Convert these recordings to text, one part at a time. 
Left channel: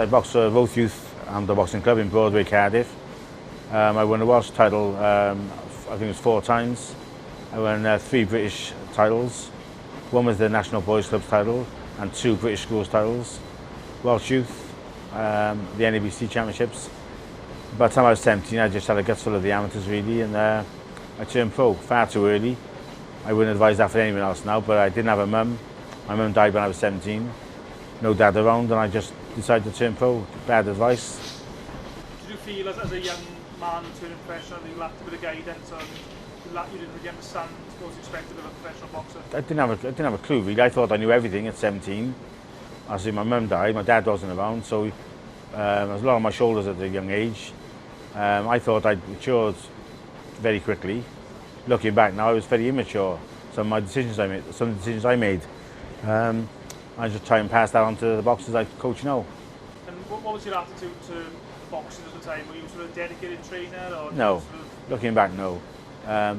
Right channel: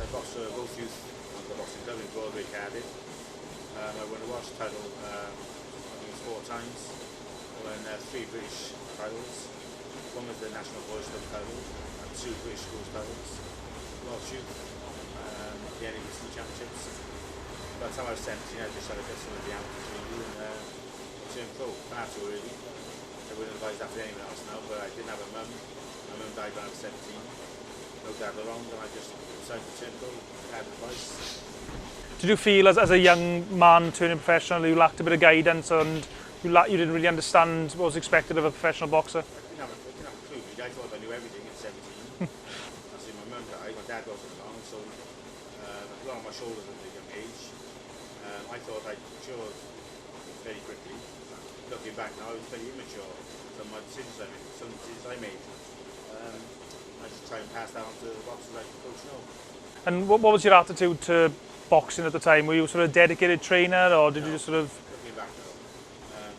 I boxed for both youth and the boxing club in Broadway, Cardiff. I won a Welsh title, I think it was 4 times. I won 3 British titles. One was the National Boys Club title and 2 British Schools titles. Welsh Youth, the NABC Championships. By the time I was 17, I just had a gut full of the amateurs really, and I turned pro far too early. I wouldn't advise that for anyone else now, but I didn't have a mum. My mum died when I was 17. No dad around, and I just decided to turn pro. Bad advice. Did you feel as a young man turning professional you lacked a bit of guidance and you didn't really understand what was expected of a professional boxer? I didn't have a clue really. I thought I knew everything at 17. As in, my mum died, my dad wasn't around, so there was a lot on my shoulders at a young age. I thought I'd matured very quickly. Looking back now, I was very immature. Some of the decisions I made, I just try and pass that on to the boxers I coach now. And what was your attitude to boxing at the time? Were you sort of a dedicated trainer, or did you sort of... Looking back, no. I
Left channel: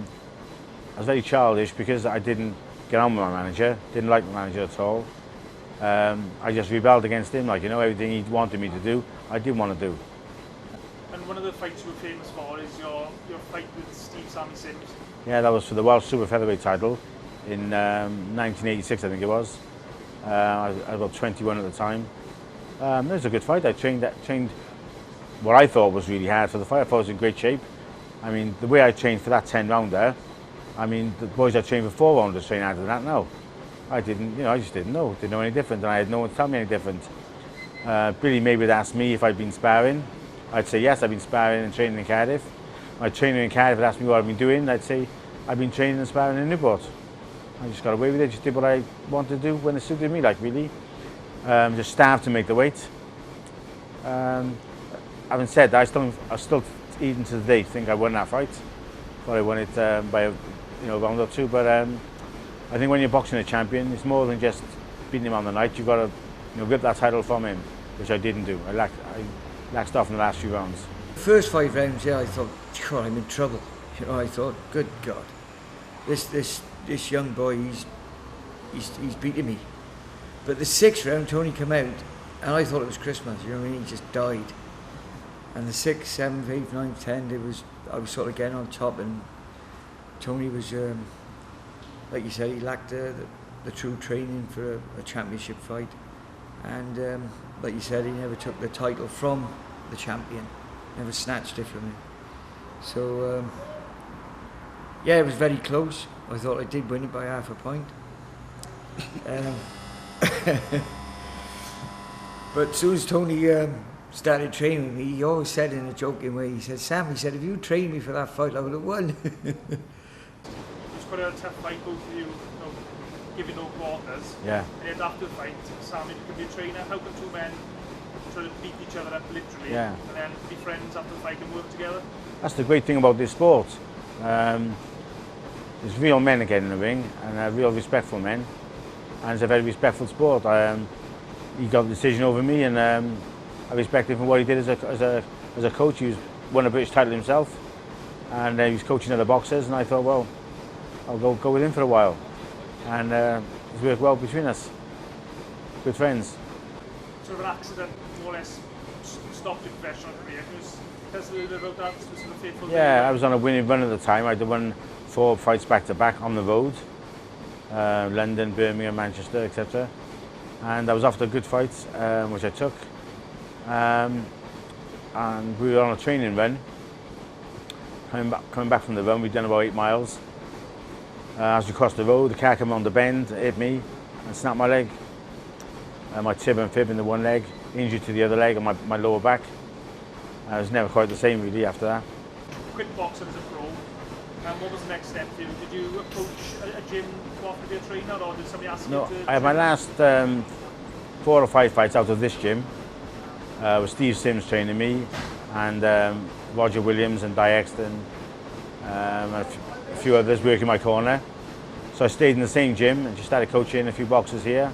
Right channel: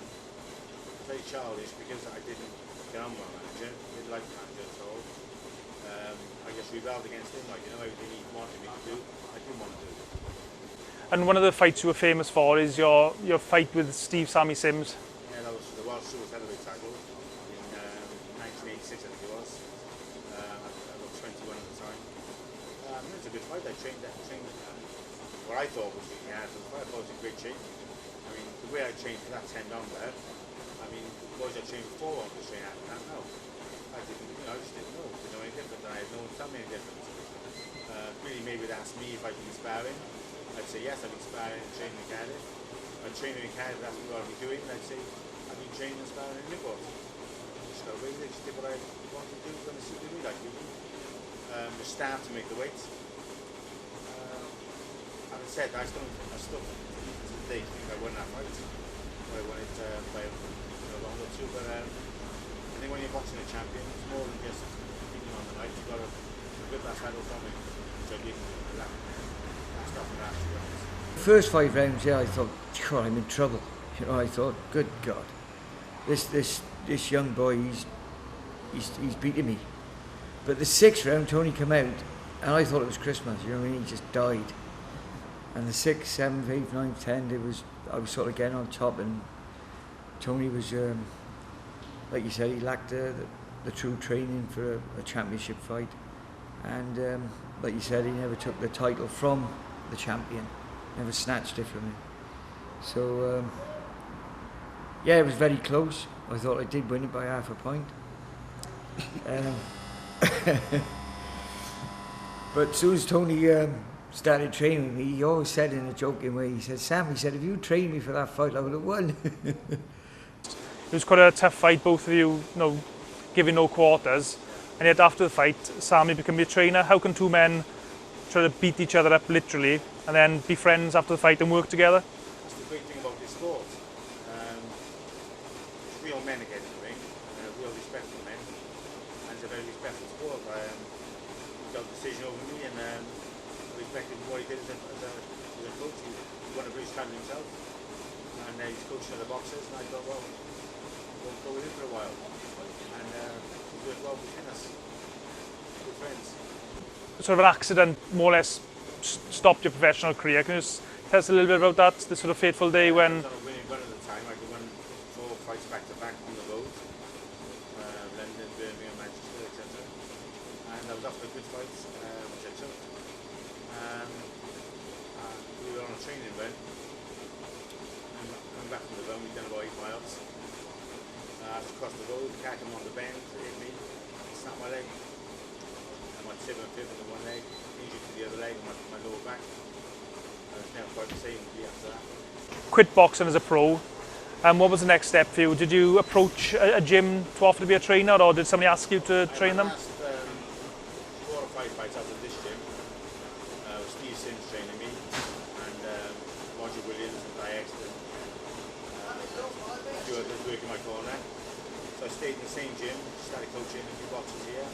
was very childish because I didn't get on with my manager, didn't like my manager at all. I just rebelled against him, like, you know, everything he wanted me to do, I didn't want to do. And one of the fights you were famous for is your fight with Steve Sammy Sims. Yeah, that was for the Welsh Super Featherweight title in 1986, I think it was. I was about 21 at the time. It was a good fight. I trained what I thought was really hard for the fight. I thought I was in great shape. I mean, the way I trained for that 10-rounder, I mean, the boys I trained for 4 rounders train harder than that now. I just didn't know any different, and I had no one to tell me any different. Billy Maywood asked me if I'd been sparring. I'd say yes, I've been sparring and training in Cardiff. My trainer in Cardiff would ask me what I've been doing. I'd say I've been training and sparring in Newport. I just got away with it, just did what I wanted to do when it suited me, like, really. Just starved to make the weight. Having said that, I still, even to the day, think I won that fight. But I won it by a round or 2. But I think when you're boxing a champion, it's more than just beating him on the night. You've got to rip that title from him, which I didn't do. I laxed off in the last few rounds. The first 5 rounds, yeah, I thought, God, I'm in trouble. You know, I thought, good God, this young boy, he's beating me. But the 6th round, Tony came out, and I thought it was Christmas. You know what I mean? He just died. And the 6th, 7th, 8th, 9th, 10th, I was sort of getting on top, and Tony was, like you said, he lacked the true training for a championship fight. And like you said, he never took the title from the champion, never snatched it from him. So, yeah, it was very close. I thought I did win it by half a point. But as soon as Tony started training with me, he always said in a joking way, he said, Sam, he said, if you trained me for that fight, I would have won. It was quite a tough fight, both of you, giving no quarters. Yeah. And yet after the fight, Sammy became your trainer. How can 2 men try to beat each other up literally, and then be friends after the fight and work together? That's the great thing about this sport. There's real men again in the ring, and real respectful men. And it's a very respectful sport. He got the decision over me, and I respect him for what he did as a coach. He won a British title himself, and he was coaching other boxers, and I thought, well, I'll go with him for a while. And it's worked well between us. Good friends. Sort of an accident more or less stopped your professional career. Can you just tell us a little bit about that, the sort of fateful day when... I was on a winning run at the time. I'd won 4 fights back to back on the road. London, Birmingham, Manchester, etc. And I was after good fights, which I took. And we were on a training run. Coming back from the run, we'd done about 8 miles. As we crossed the road, the car came on the bend, hit me, and snapped my leg. My tib and fib in the one leg, injury to the other leg and my lower back. I was never quite the same really after that. Quit boxing as a pro. What was the next step for you? Did you approach a gym to offer to be a trainer, or did somebody ask you to train? I had my last 4 or 5 fights out of this gym. With Steve Sims training me, and Roger Williams and Di Exton, a few others working my corner. So I stayed in the same gym and just started coaching a few boxers here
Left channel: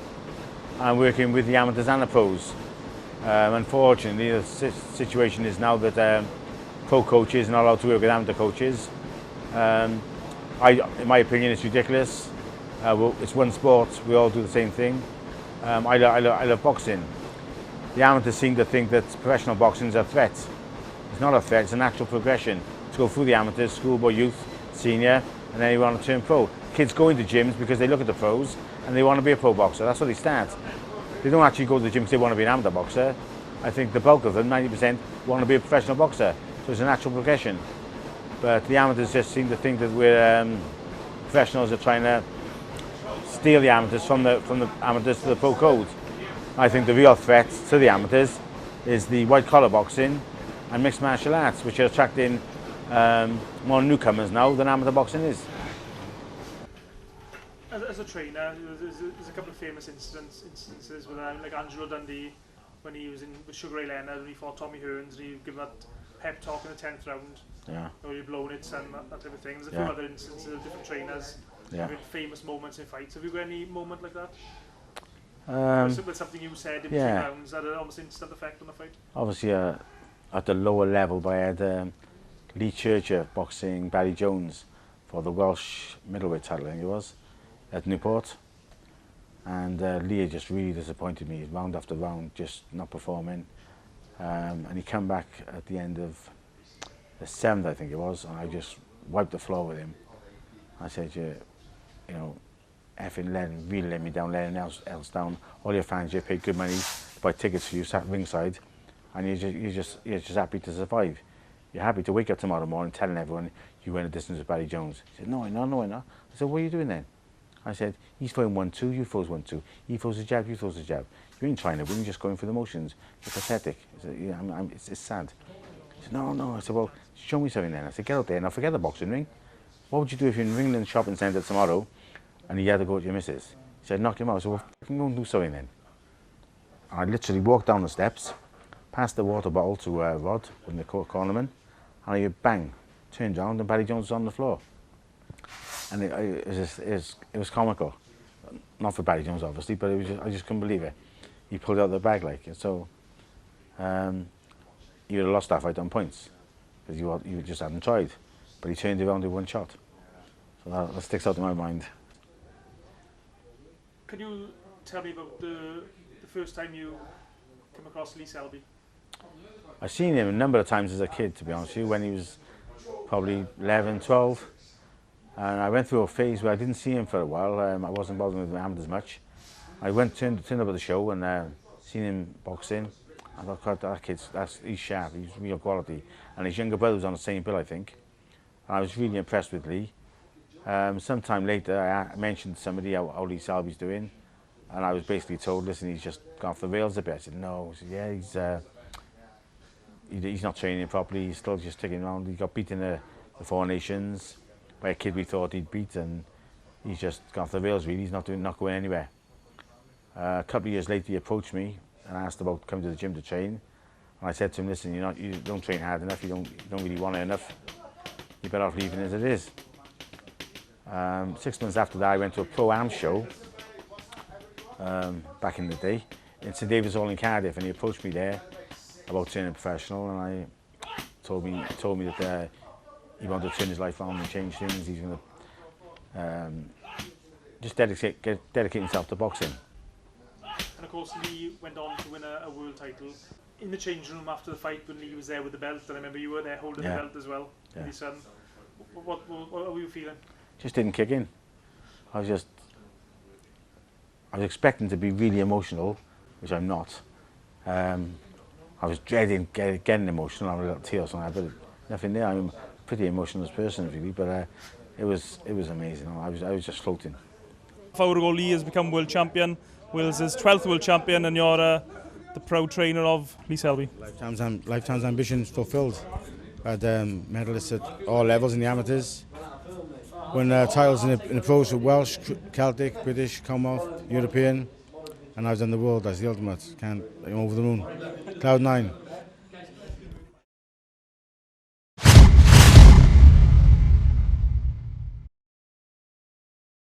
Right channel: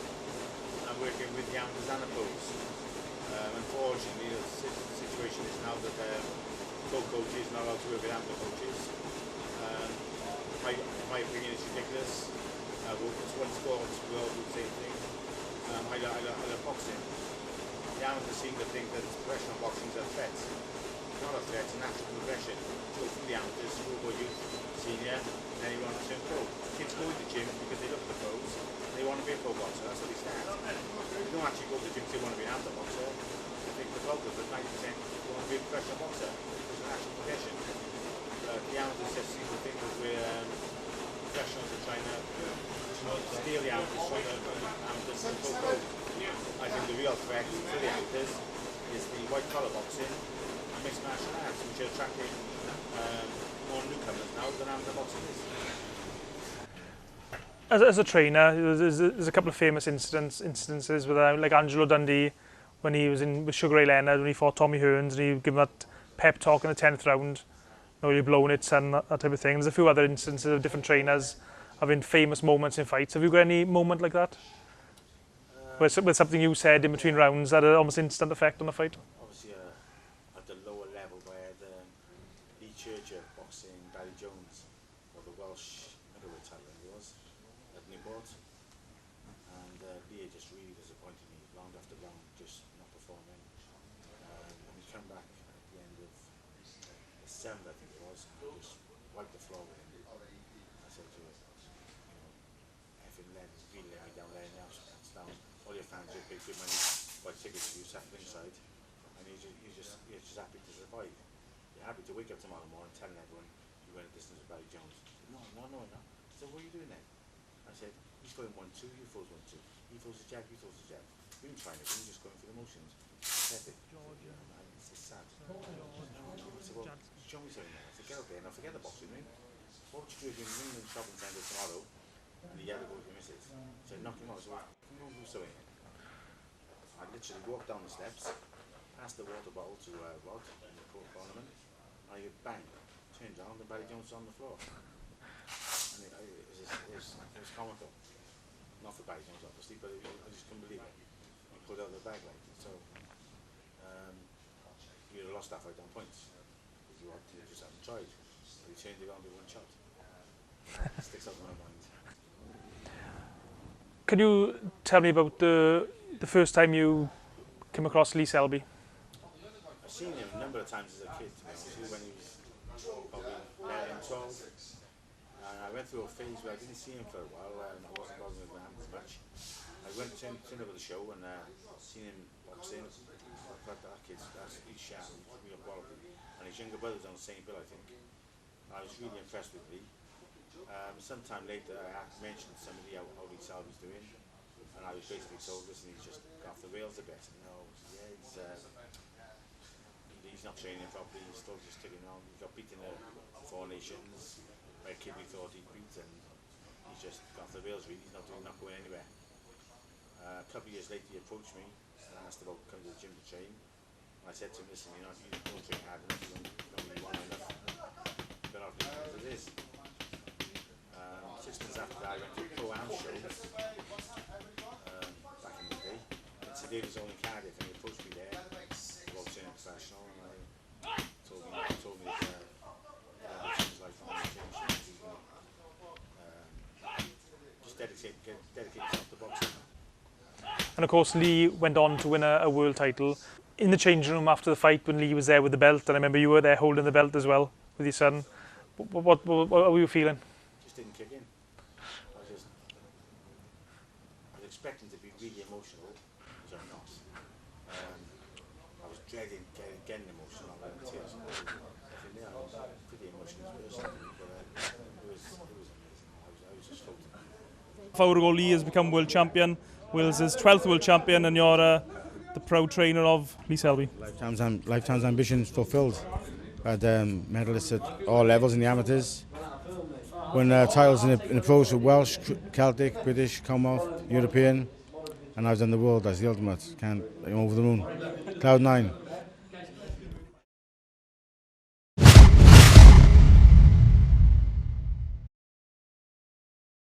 and working with the amateurs and the pros. Unfortunately, the situation is now that pro coaches are not allowed to work with amateur coaches. In my opinion, it's ridiculous. It's one sport, we all do the same thing. I love boxing. the amateurs seem to think that professional boxing is a threat. It's not a threat, it's a natural progression to go through the amateurs, schoolboy, youth, senior, and then you want to turn pro. Kids go into gyms because they look at the pros and they want to be a pro boxer. That's where they start. They don't actually go to the gym because they want to be an amateur boxer. I think the bulk of them, 90%, want to be a professional boxer. So it's a natural progression. But the amateurs just seem to think that we're professionals are trying to steal the amateurs from the amateurs to the pro code. I think the real threat to the amateurs is the white collar boxing and mixed martial arts, which are attracting more newcomers now than amateur boxing is. As a trainer, there's a couple of famous instances with like Angelo Dundee when he was in with Sugar Ray Leonard when he fought Tommy Hearns and he gave him that pep talk in the 10th round. Yeah. No, you're blowing it, son, that type of thing. There's a few other instances of different trainers having famous moments in fights. Have you got any moment like that? With something you said in between rounds that had almost instant effect on the fight? Obviously, at the lower level, I had Lee Churcher boxing Barry Jones for the Welsh middleweight title, I think it was, at Newport. And Lee just really disappointed me, round after round, just not performing. And he came back at the end of the 7th, I think it was, and I just wiped the floor with him. I said, you know, effing really let me down, let anyone else down. All your fans, you paid good money to buy tickets for you, sat ringside, and you're just happy to survive. You're happy to wake up tomorrow morning telling everyone you went a distance with Barry Jones. He said, no, I'm not. I said, what are you doing then? I said, he's throwing 1-2, you throws 1-2. He throws a jab, you throws a jab. You ain't trying to win, you're just going for the motions. You're pathetic. I said, yeah, it's sad. He said, no. I said, well, show me something then. I said, get out there now, forget the boxing ring. What would you do if you're in Ringland Shopping Centre tomorrow and you had to go to your missus? He said, knock him out. I said, well, fucking go and do something then. I literally walked down the steps, passed the water bottle to Rod in the cornerman, and I bang, turned around and Barry Jones was on the floor. And it was comical. Not for Barry Jones, obviously, but I just couldn't believe it. He pulled out the bag like it. So he would have lost that fight on points because you just hadn't tried. But he turned around with one shot. So that sticks out in my mind. Could you tell me about the first time you came across Lee Selby? I've seen him a number of times as a kid, to be honest with you, when he was probably 11, 12. And I went through a phase where I didn't see him for a while. I wasn't bothering with Mohammed as much. I turned up at the show and seen him boxing. I thought, God, that kid's, he's sharp, he's real quality. And his younger brother was on the same bill, I think. And I was really impressed with Lee. Sometime later, I mentioned to somebody how Lee Selby's doing. And I was basically told, listen, he's just gone off the rails a bit. I said, no. I said, yeah, he's not training properly. He's still just sticking around. He got beaten in the Four Nations by a kid we thought he'd beat, and he's just gone off the rails really. He's not going anywhere. A couple of years later he approached me and asked about coming to the gym to train, and I said to him, listen, you don't train hard enough, you don't really want it enough, you're better off leaving as it is. 6 months after that I went to a pro-am show back in the day in St David's Hall in Cardiff, and he approached me there about turning professional, and I told me that he wanted to turn his life on and change things. He's going to just dedicate himself to boxing. And of course Lee went on to win a world title. In the changing room after the fight when Lee was there with the belt, and I remember you were there holding the belt as well with your son. What were you feeling? Just didn't kick in. I was expecting to be really emotional, which I'm not. I was dreading getting emotional. I was a little tears on that, but nothing there. I'm a pretty emotional person really, but it was amazing. I was just floating. 5 hours ago, Lee has become world champion. Wales is 12th world champion, and you're the proud trainer of Lee Selby. Lifetime's ambitions fulfilled. Had medalists at all levels in the amateurs. Won titles in the pros with Welsh, Celtic, British, Commonwealth, European, and I was in the world as the ultimate. I'm over the moon. Cloud 9.